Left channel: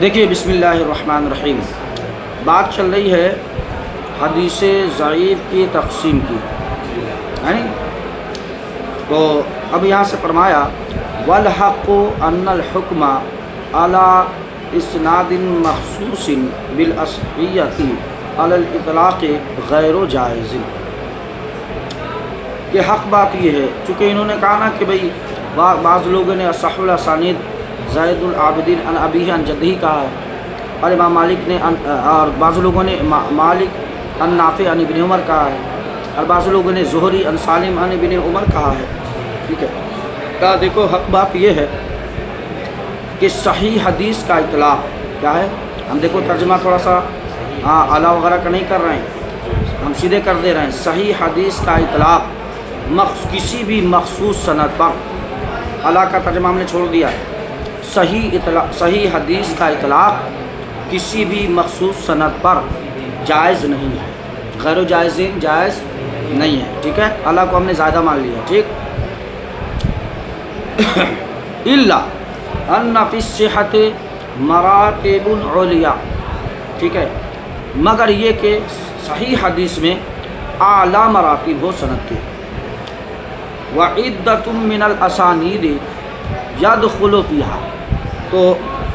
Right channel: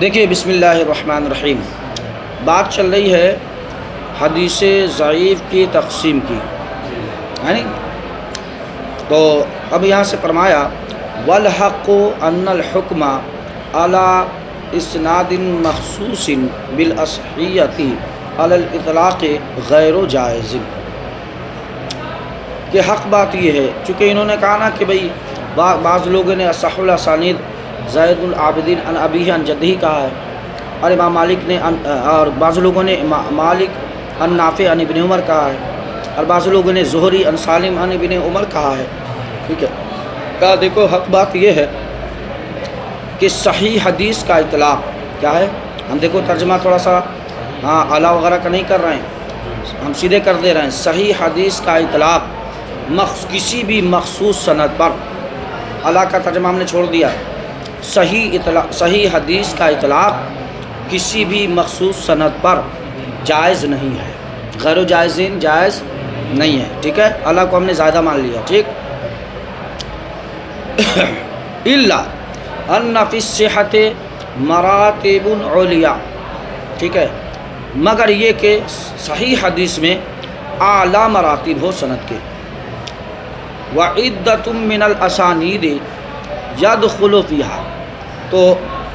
دیکھیے بسم اللہ الرحمن الرحیم، بات چل رہی ہے حدیث ضعیف کی تقسیم کی، ہے نا؟ تو اب یہاں سے فرمایا والحق ان الحکم علی اسناد مخصوص بالاصحیۃ علی الاطلاق غیر جائز، کہ حق بات یہ ہے، چونکہ انہوں نے کہا نا کہ بھئی بعض لوگوں نے اصح الاسانید زید العابدین عن ابیہ عن جدہ کہا ہے، اور امام مالک نے اور بعض لوگوں نے مالک عن نافع عن ابن عمر کہا ہے، اور بعض لوگوں نے زہری عن سالم عن ابن عمر کہا ہے، ٹھیک ہے؟ کہا دیکھو حق بات یہ ہے کہ صحیح حدیث کا اطلاق کیا ہے، ہم دیکھو ترجمہ تھوڑا سا اعلیٰ وغیرہ کا نہیں کر رہے ہیں، ہم سیدھے کر دے رہے ہیں، صحیح حدیث کا اطلاق کسی بھی مخصوص سند پر، اعلیٰ کا ترجمہ ہم نے چھوڑ دیا، صحیح حدیث کا اطلاق کسی بھی مخصوص سند پر جائز نہیں ہے، غیر جائز نہیں ہے، ٹھیک ہے؟ اللہ کو ہم نے زیادہ مان لیا، ٹھیک؟ الا ان فی الصحۃ مراتب علیا، ٹھیک ہے؟ مگر یہ کہ صحیح حدیث میں اعلیٰ مراتب ہو سند کے، وعدۃ من الاسانید یدخل فیہا، تو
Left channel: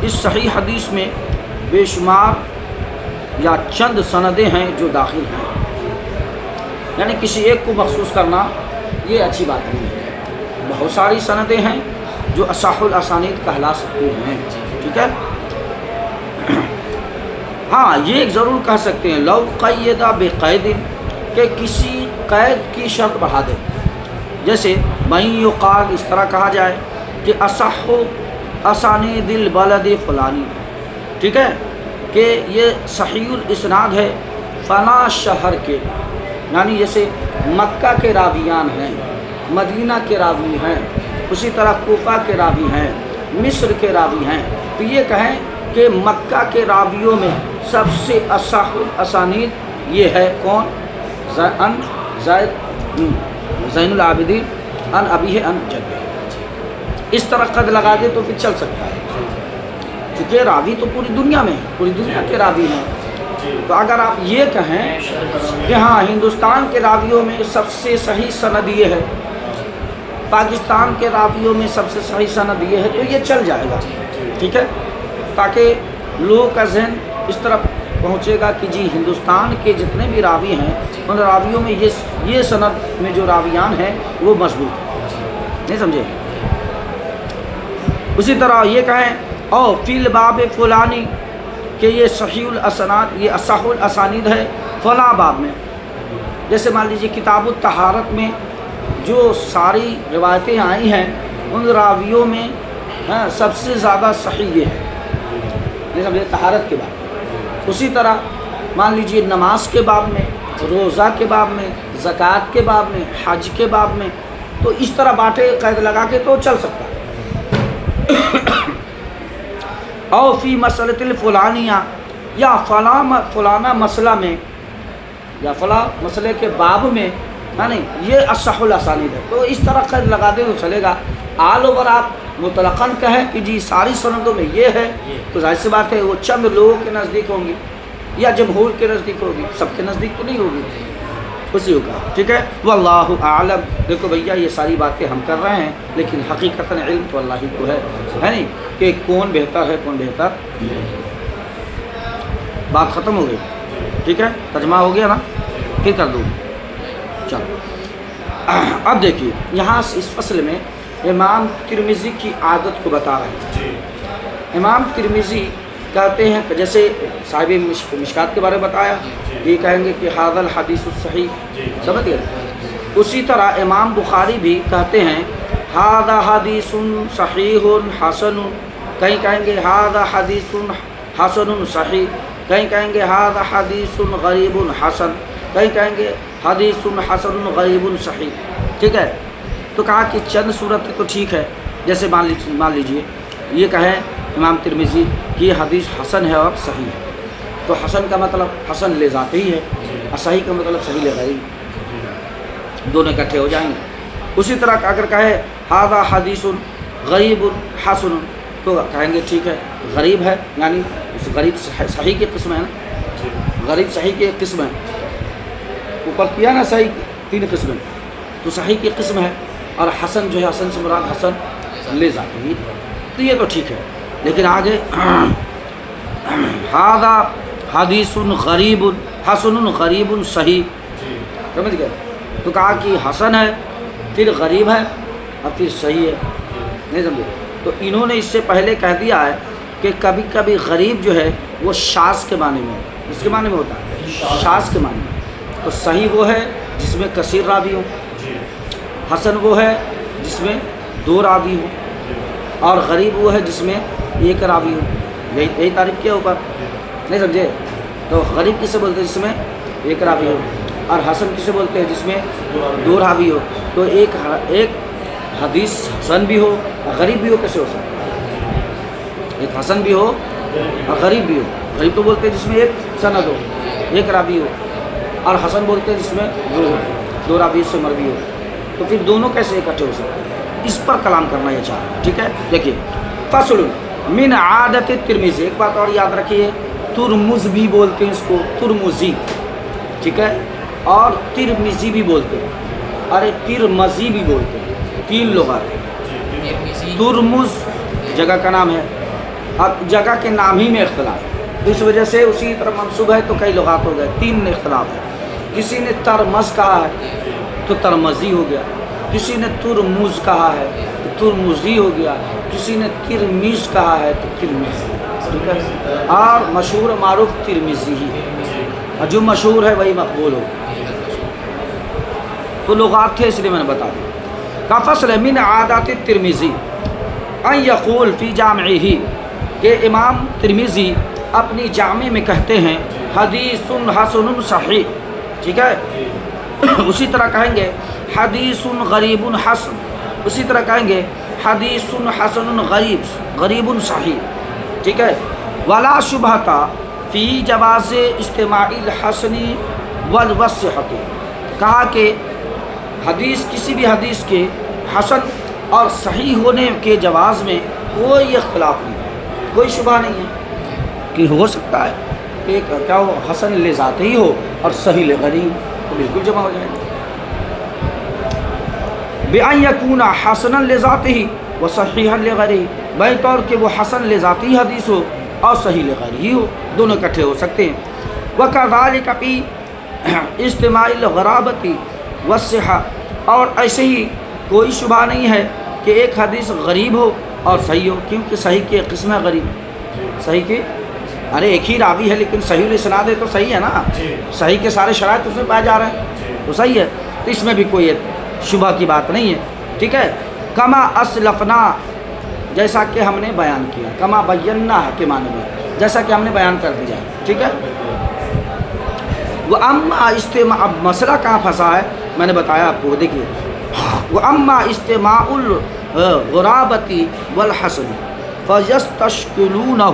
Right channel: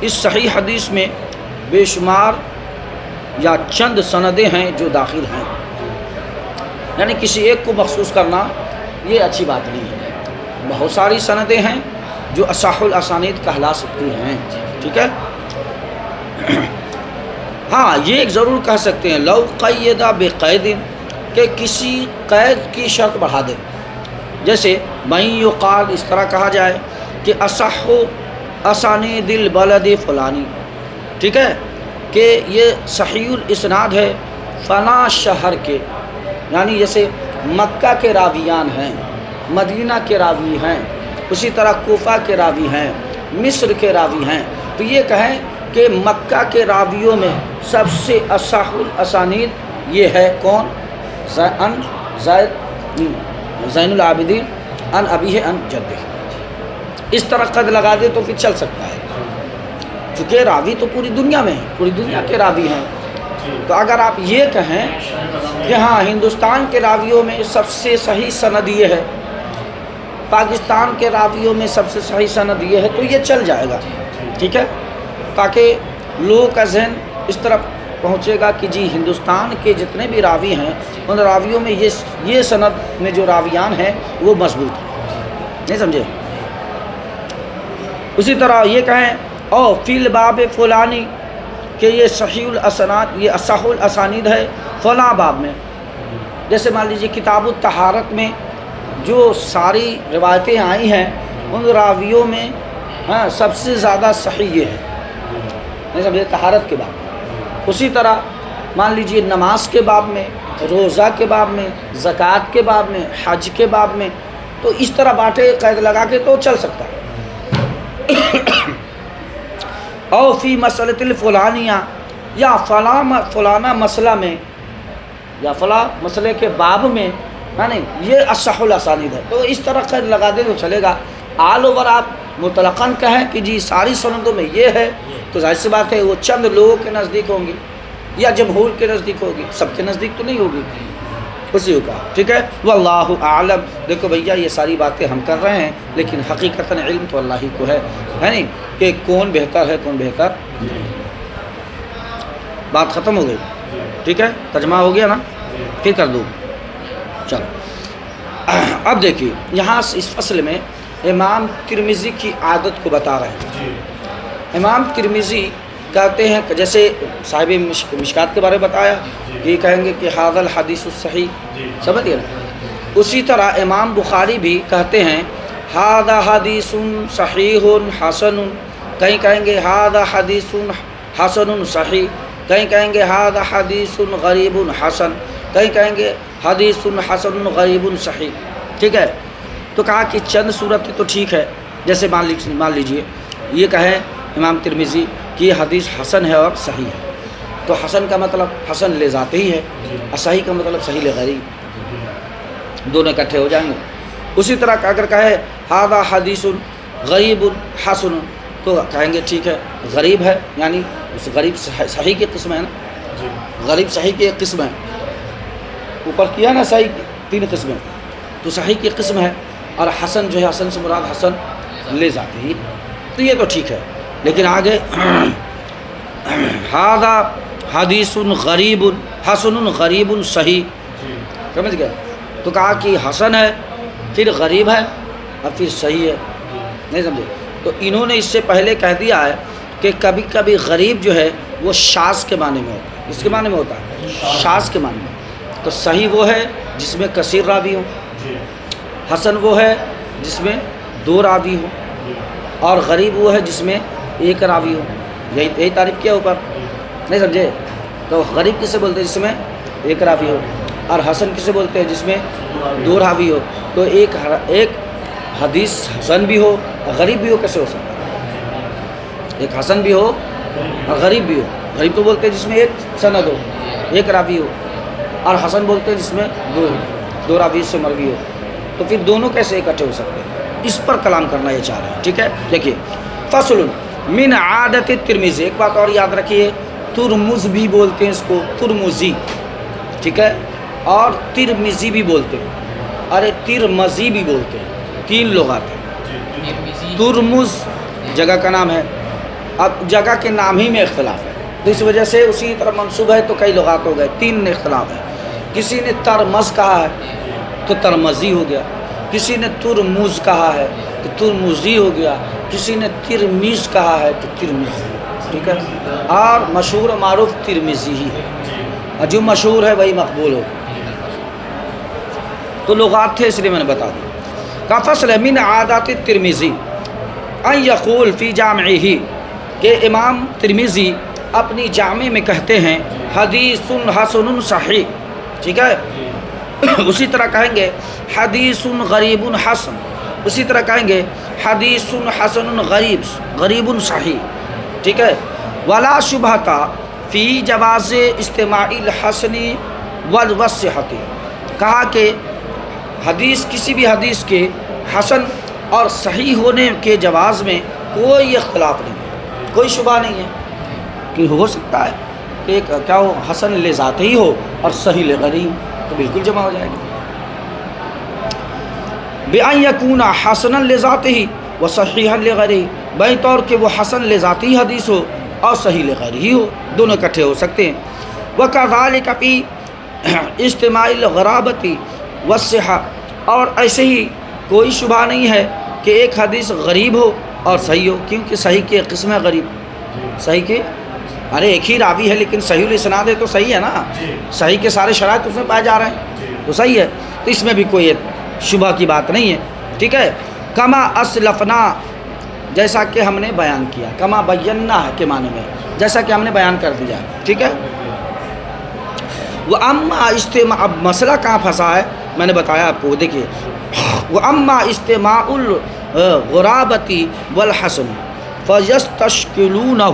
اس صحیح حدیث میں بے شمار یا چند سندیں ہیں جو داخل ہیں، یعنی کسی ایک کو مخصوص کرنا یہ اچھی بات نہیں ہے، بہت ساری سندیں ہیں جو اصح الاسانید کہلا سکتی ہیں، ٹھیک ہے؟ ہاں یہ ایک ضرور کہہ سکتے ہیں لو قید بقید، کہ کسی قید کی شرط بڑھا دے، جیسے من یقال، اس طرح کہا جائے کہ اصح اسانید البلد فلانی، ٹھیک ہے؟ کہ یہ صحیح الاسناد ہے فلاں شہر کے، یعنی جیسے مکہ کے راویان ہیں، مدینہ کے راوی ہیں، اسی طرح کوفہ کے راوی ہیں، مصر کے راوی ہیں، تو یہ کہیں کہ مکہ کے راویوں میں سب سے اصح الاسانید یہ ہے کون؟ زین العابدین عن ابیہ عن جدہ، اس طرح قد لگا دے تو پھر چل سکتا ہے، کیونکہ راوی تو پوری دنیا میں ہیں، پوری دنیا کے راوی ہیں، تو اگر آپ یہ کہیں کہ ہاں ہندوستان کے راویوں میں سب سے صحیح سند یہ ہے، پاکستان کے راویوں میں سب سے صحیح سند یہ ہے، تو یہ چل جائے گا، ٹھیک ہے؟ تاکہ لوگوں کا ذہن اس طرف پہنچے گا کہ جی ہندوستان کے جتنے بھی راوی ہیں ان راویوں میں یہ سند میں جو راویان ہیں وہ مضبوط ہیں، نہیں سمجھے؟ اسی طرح یہ کہیں او فی الباب فلانی، کہ یہ صحیح الاسناد، یہ اصح الاسانید ہے فلاں باب میں، جیسے مان لیجیے کتاب الطہارت میں جو ساری روایتیں آئی ہیں ان راویوں میں سب سے زیادہ صحیح یہ ہے، نہیں سمجھے؟ طہارت کے باب میں، اسی طرح مان لیجیے نماز کے باب میں، روزہ کے باب میں، زکوٰۃ کے باب میں، حج کے باب میں، تو اس طرح بانٹے قید لگا کے تو چل سکتا ہے۔ او فی مسئلۃ الفلانیہ، یا فلانا مسئلہ میں، یا فلاں مسئلے کے باب میں، یعنی یہ اصح الاسانید ہے، تو اس طرح قید لگا دے تو چلے گا۔ آل اوور آپ مطلقاً کہیں کہ جی ساری سندوں میں یہ ہے، تو ظاہر سی بات ہے وہ چند لوگوں کے نزدیک ہوں گی یا جمہور کے نزدیک ہوگی، سب کے نزدیک تو نہیں ہوگی، اسی کو کہا، ٹھیک ہے؟ واللہ اعلم۔ دیکھو بھیا یہ ساری باتیں ہم کر رہے ہیں لیکن حقیقتاً علم تو اللہ ہی کو ہے نہیں کہ کون بہتر ہے کون بہتر نہیں۔ بات ختم ہو گئی، ٹھیک ہے؟ ترجمہ ہو گیا نا؟ پھر کر دوں، چلو اب دیکھیے یہاں اس فصل میں امام ترمذی کی عادت کو بتا رہے ہیں۔ امام ترمذی کہتے ہیں کہ جیسے صاحب مشکات کے بارے میں بتایا، یہ کہیں گے کہ ھذا الحدیث الصحیح، سمجھ گئے؟ اسی طرح امام بخاری بھی کہتے ہیں ھذا حدیث صحیح حسن، کہیں کہیں گے ھذا حدیث حسن صحیح، کہیں کہیں گے ھذا حدیث غریب حسن، کہیں کہیں گے حدیث حسن غریب صحیح، ٹھیک ہے؟ تو کہا کہ چند صورت تو ٹھیک ہے، جیسے مان لیجیے یہ کہیں امام ترمذی کہ یہ حدیث حسن ہے اور صحیح ہے، تو حسن کا مطلب حسن لے ذاتی ہی ہے، اور صحیح کا مطلب صحیح لے غیری، دونوں اکٹھے ہو جائیں گے۔ اسی طرح اگر کہے ھذا حدیث غریب حسن، تو کہیں گے ٹھیک ہے غریب ہے، یعنی اس غریب صحیح کی قسم ہے نا، غریب صحیح کی ایک قسم ہے، اوپر کیا نا صحیح 3 قسمیں، تو صحیح کی قسم ہے، اور حسن جو ہے حسن سے مراد حسن لے ذاتی، تو یہ تو ٹھیک ہے. لیکن آگے ھذا حدیث غریب حسن غریب صحیح، سمجھ گئے؟ تو کہا کہ حسن ہے، پھر غریب ہے، اور پھر صحیح ہے. نہیں سمجھے؟ تو انہوں نے اس سے پہلے کہہ دیا ہے کہ کبھی کبھی غریب جو ہے وہ شاذ کے معنی میں ہوتا ہے. اس کے معنی میں ہوتا ہے شاذ کے معنی میں. تو صحیح وہ ہے جس میں کثیر راوی ہو، حسن وہ ہے جس میں 2 راوی ہو، اور غریب وہ ہے جس میں 1 راوی ہو. یہی تعریف کیا اوپر، نہیں سمجھے؟ تو غریب کسے بولتے ہیں جس میں 1 راوی ہو، اور حسن کسے بولتے ہیں جس میں 2 راوی ہو. تو ایک حدیث حسن بھی ہو اور غریب بھی ہو، کیسے ہو سکتا ہے؟ ایک حسن بھی ہو اور غریب بھی ہو. غریب تو بولتے ہیں جس میں 1 سند ہو، 1 راوی ہو، اور حسن بولتے ہیں جس میں 2 راوی سے مروی ہو. تو پھر دونوں کیسے اکٹھے ہو سکتے ہیں؟ اس پر کلام کرنا یہ چاہ رہے ہیں. ٹھیک ہے، دیکھیے فصل من عادت ترمذی. ایک بات اور یاد رکھیے، ترمز بھی بولتے ہیں اس کو، ترمزی، ٹھیک ہے، اور ترمذی بھی بولتے ہیں، اور ترمذی بھی بولتے ہیں. 3 لغات ہیں. ترمز جگہ کا نام ہے، اب جگہ کے نام ہی میں اختلاف ہے، تو اس وجہ سے اسی طرح منصوب ہے تو کئی لغات ہو گئے. 3 میں اختلاف ہے. کسی نے ترمز کہا ہے تو ترمزی ہو گیا، کسی نے ترمز کہا ہے تو ترمزی ہو گیا، کسی نے ترمیز کہا ہے تو ترمزی. ٹھیک ہے، اور مشہور و معروف ترمزی ہی ہے، اور جو مشہور ہے وہی مقبول ہو. تو لغات تھے اس لیے میں نے بتا دیا. کا فصل من عادات ترمذی ان یقول فی جامعہ، کہ امام ترمذی اپنی جامع میں کہتے ہیں حدیث حسن صحیح. ٹھیک ہے، اسی طرح کہیں گے حدیث غریب حسن، اسی طرح کہیں گے حدیث حسن غریب صحیح. ٹھیک ہے، ولا شبہۃ فی جواز استماع الحسن والصحۃ. کہا کہ حدیث کسی بھی حدیث کے حسن اور صحیح ہونے کے جواز میں کوئی اختلاف نہیں ہے، کوئی شبہ نہیں ہے کہ ہو سکتا ہے کہ کیا ہو حسن لذات ہی ہو اور صحیح لغریب، تو بالکل جمع ہو جائے گا. بِأَن يَكُونَ حَسَنًا لِذَاتِهِ وَصَحِيحًا لِغَيْرِهِ، بھائی طور کہ وہ حسن لذاتی حدیث ہو اور صحیح لغیرہ ہو، دونوں اکٹھے ہو سکتے ہیں. وَكَذَلِكَ فِي اجتماع الغرابة والصحة، اور ایسے ہی کوئی شبہ نہیں ہے کہ ایک حدیث غریب ہو اور صحیح ہو، کیونکہ صحیح کی ایک قسم ہے غریب. صحیح کی ارے ایک ہی راوی ہے لیکن صحیح الاسناد ہے تو صحیح ہے نا، صحیح کے سارے شرائط اس میں پائے جا رہے ہیں تو صحیح ہے. تو اس میں بھی کوئی شبہ کی بات نہیں ہے. ٹھیک ہے، کما اسلفنا، جیسا کہ ہم نے بیان کیا، کما بینا کے معنی میں جیسا کہ ہم نے بیان کر دیا ہے. ٹھیک ہے، وہ اما استماع، اب مسئلہ کہاں پھنسا ہے میں نے بتایا آپ کو. دیکھیے وہ اما استماع الغرابتی والحسن فیستشکلونہ،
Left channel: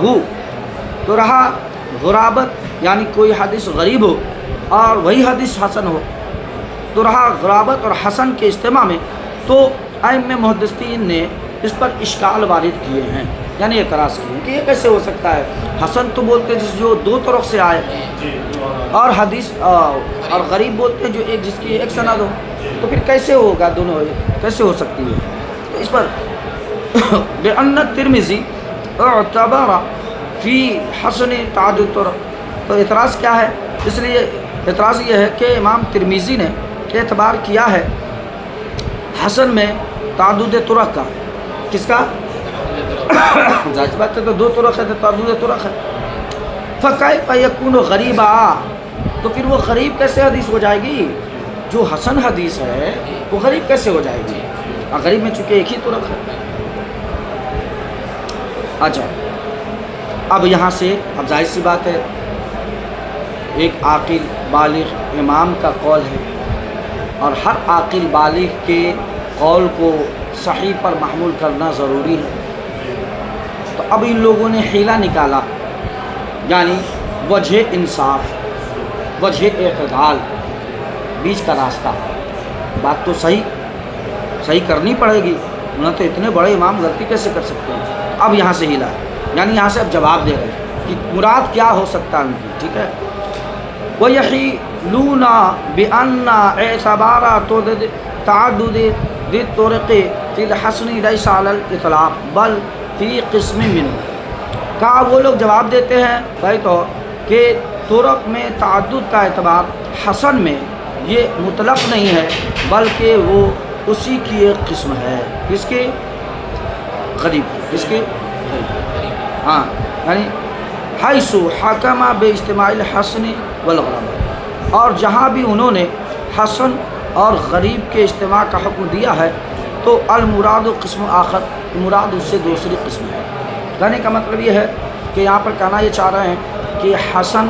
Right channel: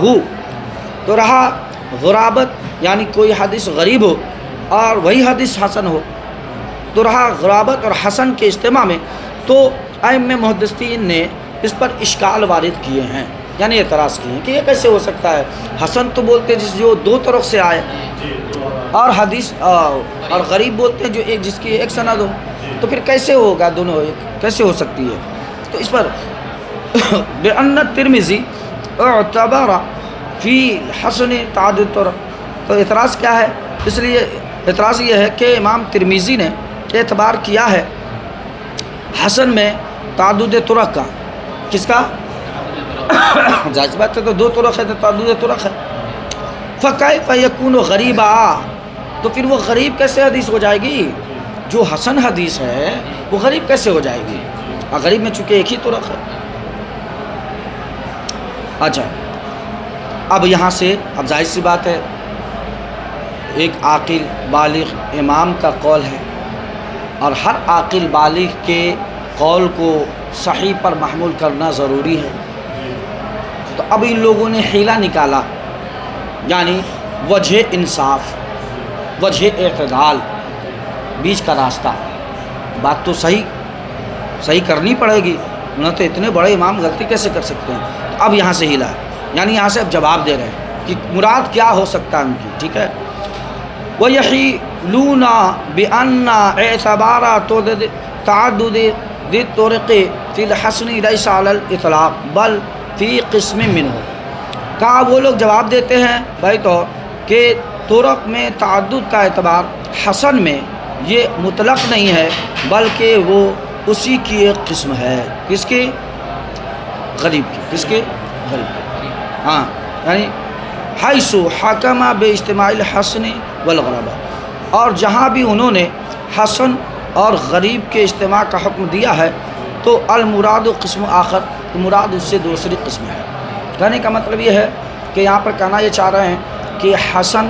تو رہا غرابت یعنی کوئی حدیث غریب ہو اور وہی حدیث حسن ہو، تو رہا غرابت اور حسن کے اجتماع میں، تو ائمہ محدثین نے اس پر اشکال وارد کیے ہیں، یعنی اعتراض کیے ہیں کہ یہ کیسے ہو سکتا ہے. حسن تو بولتے ہیں جس جو 2 طرق سے آئے، اور حدیث اور غریب بولتے ہیں جو ایک جس کی ایک سند ہو، تو پھر کیسے ہوگا، دونوں کیسے ہو سکتی ہے. تو اس پر بأن الترمذی اعتبر فی حسن تعدد طرق، تو اعتراض کیا ہے، اس لیے اعتراض یہ ہے کہ امام ترمذی نے اعتبار کیا ہے حسن میں تعدد طرق کا. کس کا؟ ظاہر بات ہے تو 2 طرق ہے تو تعدد طرق ہے. فکیف یکون غریبا، تو پھر وہ غریب کیسے حدیث ہو جائے گی؟ جو حسن حدیث ہے وہ غریب کیسے ہو جائے گی؟ اور غریب میں چونکہ ایک ہی طرق ہے. اچھا، اب یہاں سے اب ظاہر سی بات ہے ایک عاقل بالغ امام کا قول ہے، اور ہر عاقل بالغ کے قول کو صحیح پر محمول کرنا ضروری ہے. تو اب ان لوگوں نے حیلہ نکالا، یعنی وجہ انصاف، وجہ اعتدال، بیچ کا راستہ. بات تو صحیح کرنی پڑے گی، نہ تو اتنے بڑے امام غلطی کیسے کر سکتے ہیں. اب یہاں سے ہلا، یعنی یہاں سے اب جواب دے رہے ہیں کہ مراد کیا ہو سکتا ہے ان کی، ٹھیک ہے۔ وَيَحِيلُونَ بِأَنَّ اعْتِبَارَ تعدد الطرق فی الحسن لیس علی الاطلاق بل فی قسم منہ، کہا وہ لوگ جواب دیتے ہیں بھائی تو کہ طرق میں تعدد کا اعتبار حسن میں یہ مطلق نہیں ہے بلکہ وہ اسی کی ایک قسم ہے، کس کی؟ غریب کی، کس کے؟ غریب، ہاں، یعنی حیث حکم باجتماع الحسن والغربا، اور جہاں بھی انہوں نے حسن اور غریب کے اجتماع کا حکم دیا ہے تو المراد قسم آخر، مراد اس سے دوسری قسم ہے۔ کہنے کا مطلب یہ ہے کہ یہاں پر کہنا یہ چاہ رہے ہیں کہ حسن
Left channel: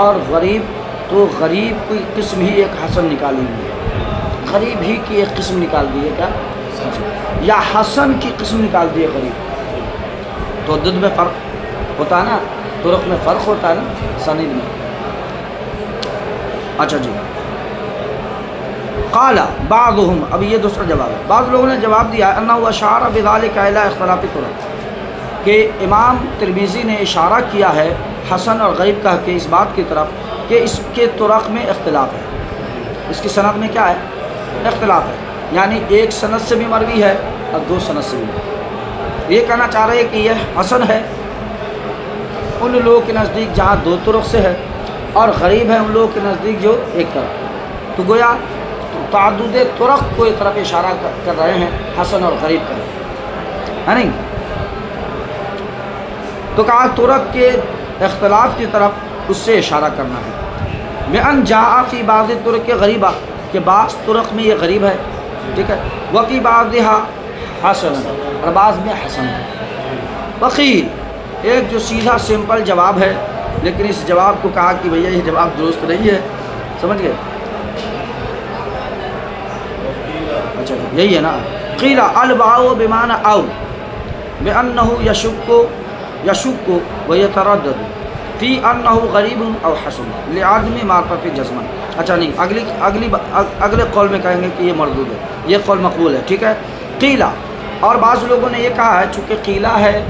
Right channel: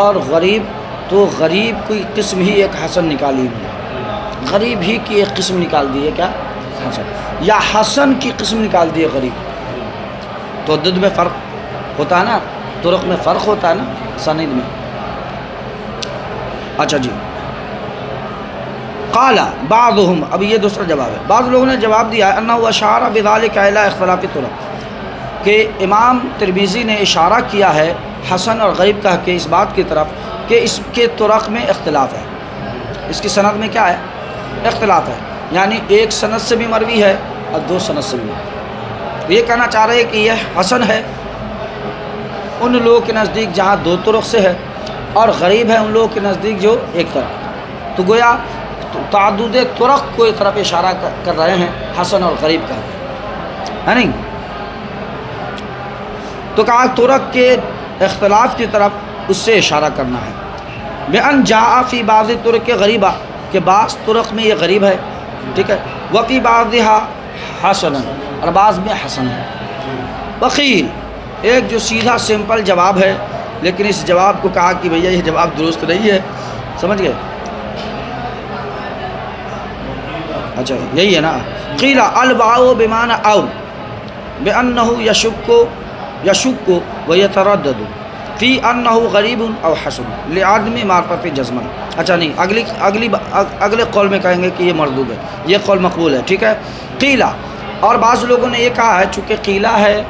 اور غریب، تو غریب کی قسم ہی ایک حسن نکالی ہوئی، غریب ہی کی ایک قسم نکال دی ہے، کیا؟ حسن، یا حسن کی قسم نکال دی ہے غریب، تو عدد میں فرق ہوتا ہے نا، طرق میں فرق ہوتا ہے نا، سند میں۔ اچھا جی، قال بعضهم، اب یہ دوسرا جواب ہے، بعض لوگوں نے جواب دیا انہ اشار بذلک الی اختلاف الطرق، کہ امام ترمذی نے اشارہ کیا ہے حسن اور غریب کہہ کے اس بات کی طرف کہ اس کے طرق میں اختلاف ہے، اس کی سند میں کیا ہے؟ اختلاف ہے، یعنی ایک سند سے بھی مروی ہے اور دو سند سے بھی مروی۔ یہ کہنا چاہ رہے ہیں کہ یہ حسن ہے ان لوگوں کے نزدیک جہاں دو طرق سے ہے، اور غریب ہے ان لوگوں کے نزدیک جو ایک طرف، تو گویا تعدد طرق کو ایک طرف اشارہ کر رہے ہیں حسن اور غریب کا، ہے نہیں؟ تو کہا طرق کے اختلاف کی طرف اس سے اشارہ کرنا ہے۔ بِأَنْ جَاءَ فِي بَعْضِ طُرُقِ غریبہ، کہ بعض طرق میں یہ غریب ہے، ٹھیک ہے، وَفِي بَعْضِهَا حَسَنٌ، اور بعض میں حسن ہے۔ وقیل، ایک جو سیدھا سمپل جواب ہے، لیکن اس جواب کو کہا کہ بھیا یہ جواب درست نہیں ہے، سمجھ گئے؟ اچھا یہی ہے نا، قیل الباء بمعنی او بأنه یشک ویتردد فی انہ غریب او حسن لعدم معرفت جزما۔ اچھا نہیں، اگلے قول میں کہیں گے کہ یہ مردود ہے، یہ قول مقبول ہے، ٹھیک ہے۔ قیلہ، اور بعض لوگوں نے یہ کہا ہے چونکہ قیلہ ہے،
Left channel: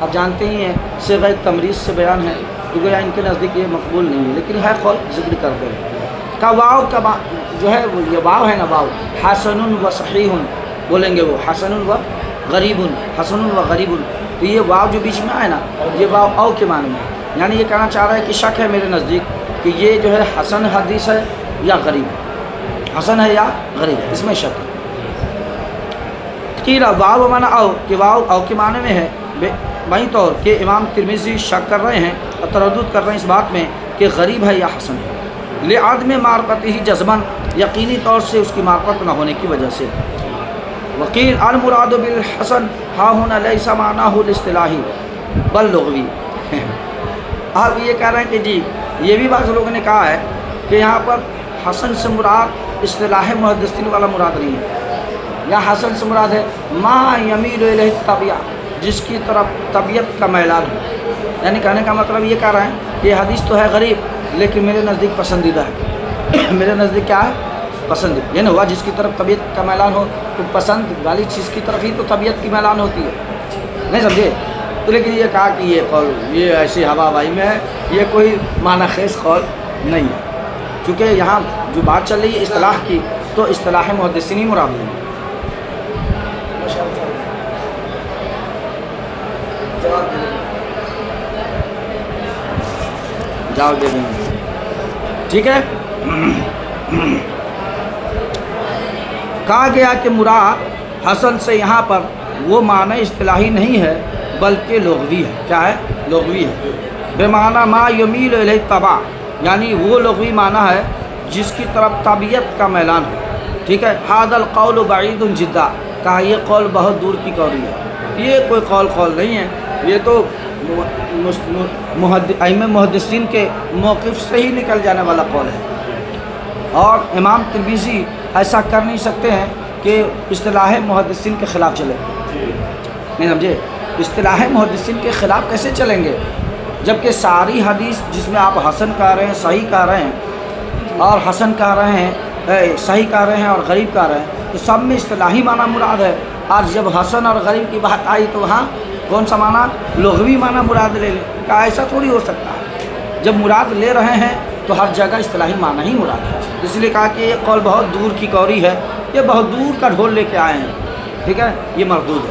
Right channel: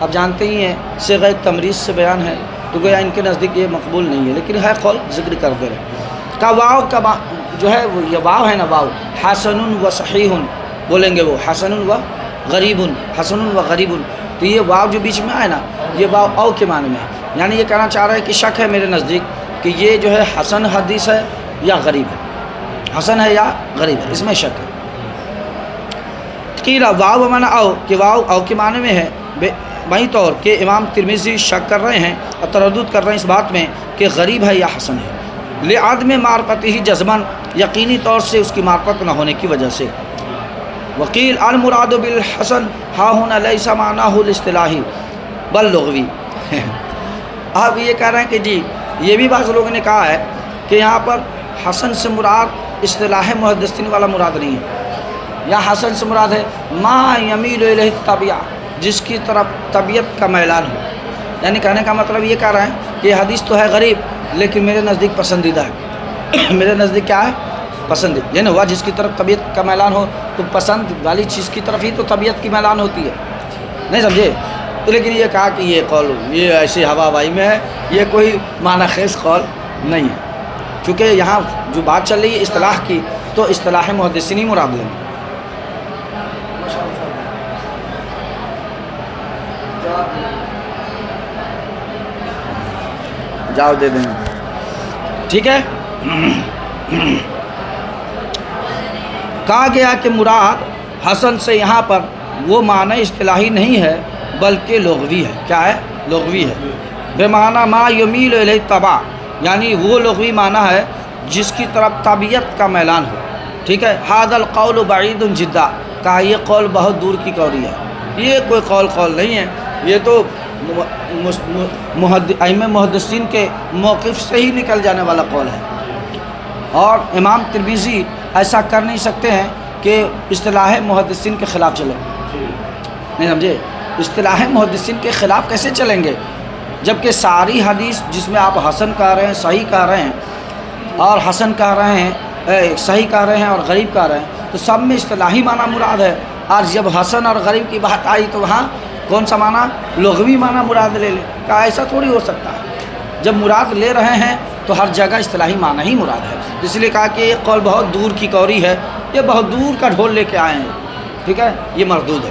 اب جانتے ہی ہیں صیغہ تمریض سے بیان ہے، تو گویا ان کے نزدیک یہ مقبول نہیں ہے، لیکن ہے قول ذکر کرتے ہیں۔ کا واو کا جو ہے وہ یہ واو ہے نا، واو حسن و صحیح بولیں گے، وہ حسن و غریب، حسن و غریب، تو یہ واو جو بیچ میں آئے نا، یہ واو او کے معنی میں ہے، یعنی یہ کہنا چاہ رہا ہے کہ شک ہے میرے نزدیک کہ یہ جو ہے حسن حدیث ہے یا غریب ہے، حسن ہے یا غریب ہے، اس میں شک ہے۔ قیل واو بمعنی او، کہ واو او کے معنی میں ہے، وہیں طور کہ امام ترمذی شک کر رہے ہیں اور تردد کر رہے ہیں اس بات میں کہ غریب ہے یا حسن ہے، لعدم معرفته جزماً، یقینی طور سے اس کی معرفت نہ ہونے کی وجہ سے۔ وقیل المراد بالحسن ہا ہونا لیس معناہ الاصطلاحی بل لغوی۔ اب یہ کہہ رہے ہیں کہ جی یہ بھی بعض لوگوں نے کہا ہے کہ یہاں پر حسن سے مراد اصطلاح محدثین والا مراد نہیں ہے، یا حسن سے مراد ہے ما یمیل الیہ الطبیعہ، جس کی طرف طبیعت کا میلان ہو، یعنی کہنے کا مطلب یہ کہہ رہے ہیں کہ یہ حدیث تو ہے غریب لیکن میرے نزدیک پسندیدہ ہے، میرے نزدیک کیا ہے؟ پسندیدہ، یعنی ہوا جس کی طرف طبیعت کا میلان ہو تو پسند والی چیز کی طرف ہی تو طبیعت کی میلان ہوتی ہے، نہیں سمجھے؟ لیکن یہ کہا کہ یہ قول یہ ایسی ہوا ہوائی میں ہے، یہ کوئی معنی خیز قول نہیں ہے، چونکہ یہاں جو بات چل رہی ہے اصطلاح کی، تو اصطلاح محدثین ہی مراد لیں گے۔ جواب دے دیں گے، ٹھیک ہے۔ کہا گیا کہ مراد حسن سے یہاں پر وہ معنی اصطلاحی نہیں ہے بلکہ لغوی ہے، کیا ہے؟ لغوی ہے، بے معنی ما یمیل الیہ الطبع، یعنی وہ لغوی معنی ہے جس کی طرف طبیعت کا میلان ہو، ٹھیک ہے۔ ھذا القول بعید جدا، کہا یہ قول بہت دور کی قولی ہے، یہ کوئی قول نہیں ہے، یہ تو ائمہ محدثین کے موقف سے ہی نکل جانے والا قول ہے، اور امام ترمذی ایسا کر نہیں سکتے ہیں کہ اصطلاح محدثین کے خلاف چلے، نہیں سمجھے؟ اصطلاح محدثین کے خلاف کیسے چلیں گے جبکہ ساری حدیث جس میں آپ حسن کہہ رہے ہیں، صحیح کہہ رہے ہیں، اور حسن کہہ رہے ہیں، صحیح کہہ رہے ہیں اور غریب کہہ رہے ہیں، تو سب میں اصطلاحی معنی مراد ہے، اور جب حسن اور غریب کی بات آئی تو وہاں کون سا معنی؟ لغوی معنی مراد لے لیں. کہا ایسا تھوڑی ہو سکتا ہے، جب مراد لے رہے ہیں تو ہر جگہ اصطلاحی معنی ہی مراد ہے. اس لیے کہا کہ یہ قول بہت دور کی کوری ہے، یہ بہت دور کا ڈھول لے کے آئے ہیں، ٹھیک ہے، یہ مردود ہے.